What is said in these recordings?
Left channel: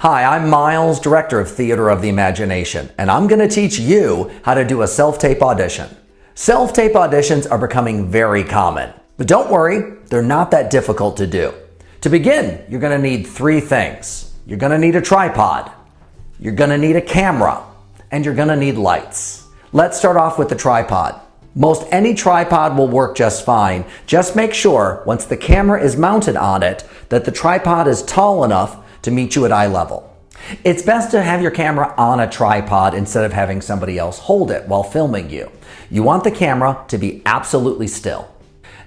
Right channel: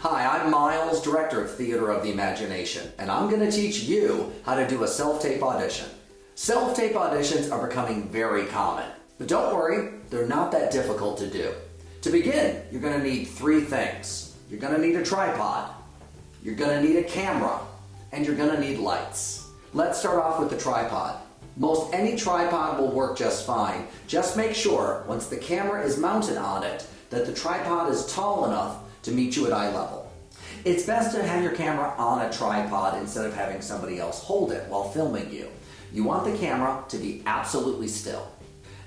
Hi, I'm Miles, Director of Theater of the Imagination, and I'm going to teach you how to do a self-tape audition. Self-tape auditions are becoming very common, but don't worry, they're not that difficult to do. To begin, you're going to need three things. You're going to need a tripod, you're going to need a camera, and you're going to need lights. Let's start off with the tripod. Most any tripod will work just fine. Just make sure, once the camera is mounted on it, that the tripod is tall enough to meet you at eye level. It's best to have your camera on a tripod instead of having somebody else hold it while filming you. You want the camera to be absolutely still.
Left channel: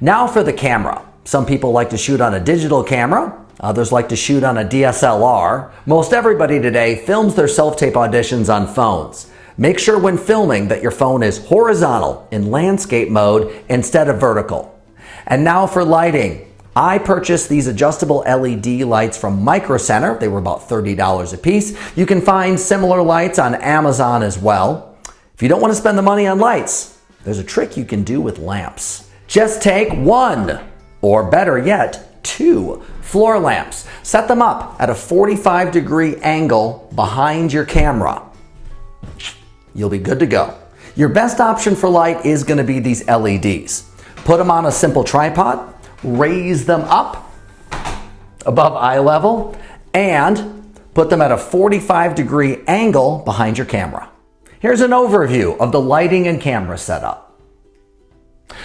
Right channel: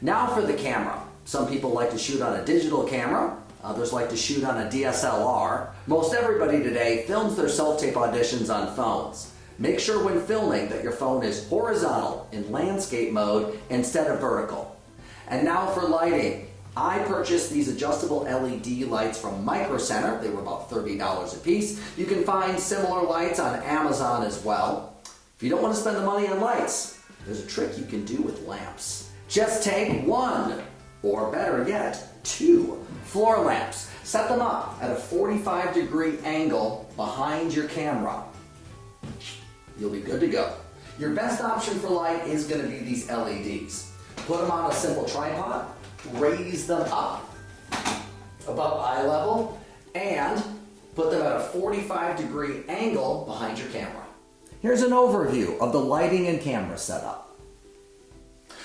Now for the camera. Some people like to shoot on a digital camera, others like to shoot on a DSLR. Most everybody today films their self-tape auditions on phones. Make sure when filming that your phone is horizontal in landscape mode instead of vertical. And now for lighting. I purchased these adjustable LED lights from Micro Center. They were about $30 a piece. You can find similar lights on Amazon as well. If you don't want to spend the money on lights, there's a trick you can do with lamps. Just take one, or better yet, two floor lamps. Set them up at a 45-degree angle behind your camera. You'll be good to go. Your best option for light is going to be these LEDs. Put them on a simple tripod, raise them up above eye level, and put them at a 45-degree angle behind your camera. Here's an overview of the lighting and camera setup.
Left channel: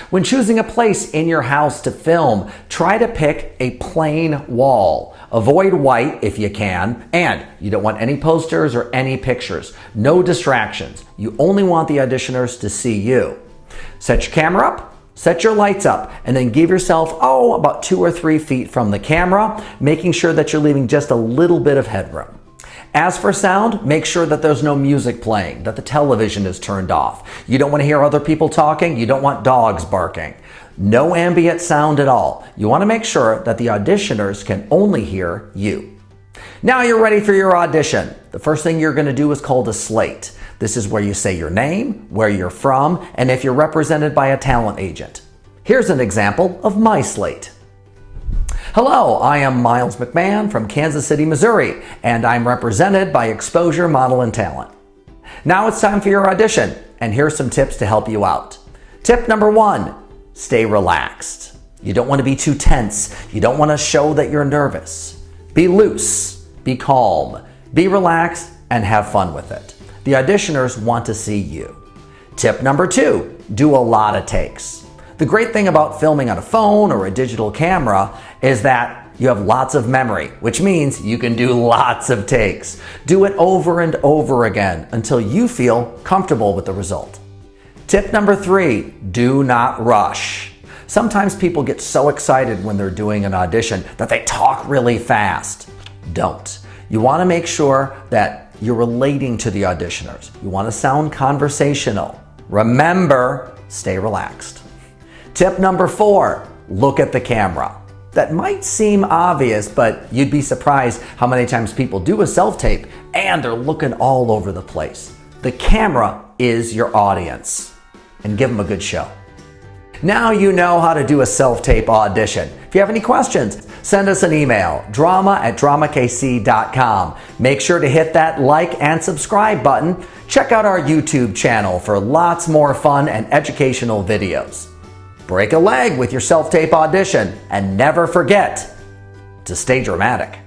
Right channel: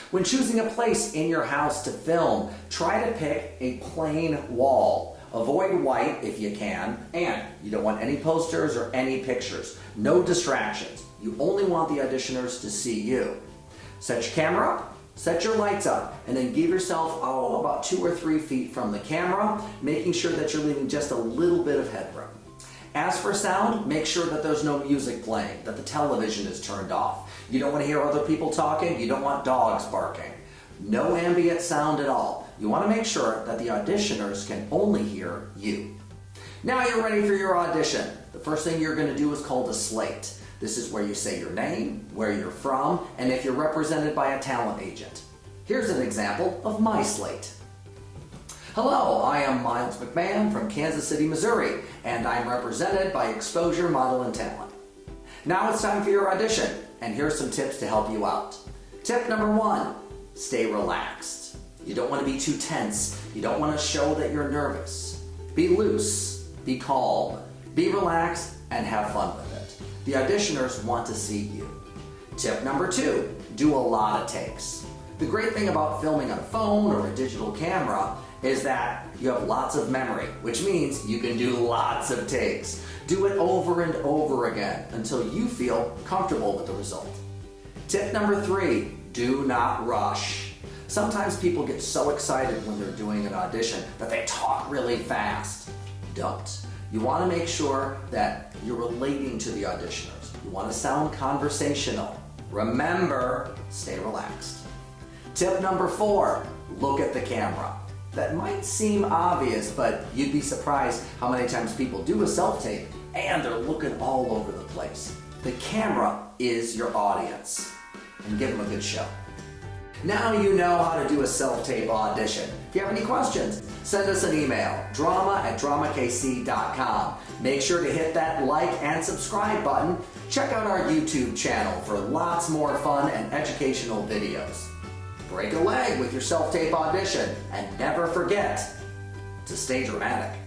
When choosing a place in your house to film, try to pick a plain wall. Avoid white if you can, and you don't want any posters or any pictures. No distractions. You only want the auditioners to see you. Set your camera up, set your lights up, and then give yourself, about 2 or 3 feet from the camera, making sure that you're leaving just a little bit of headroom. As for sound, make sure that there's no music playing, that the television is turned off. You don't want to hear other people talking, you don't want dogs barking. No ambient sound at all. You want to make sure that the auditioners can only hear you. Now you're ready for your audition. The first thing you're going to do is called a slate. This is where you say your name, where you're from, and if you're represented by a talent agent. Here's an example of my slate. Hello, I am Miles McMahon from Kansas City, Missouri, and I'm represented by Exposure Model and Talent. Now it's time for your audition, and here's some tips to help you out. Tip number 1, stay relaxed. You don't want to be too tense. You don't want to show that you're nervous. Be loose, be calm, be relaxed, and have fun with it. The auditioners want to see you. Tip number 2, do a lot of takes. The great thing about filming on a phone or a digital camera is that you have lots of memory, which means you can do lots of takes. Do it over and over again until you feel comfortable with the result. Tip number 3, do not rush. Sometimes people get so excited when they're doing an audition that they talk really fast. Don't. You want to make sure that you're relating to the auditioners. You want to sound conversational. Remember, stay relaxed. Tip number 4, look at the camera. That might seem obvious, but you'd be surprised how many times people do a self-tape and they're looking all over the place. The camera is your audience, and give them a good show. Now you know how to do a self-tape audition. If you have any questions, send us an email, drama@dramakc.com. Make sure to hit that like and subscribe button. Check out our YouTube channel for lots more fun and educational videos. Break a leg with your self-tape audition, and never forget to stay dramatic.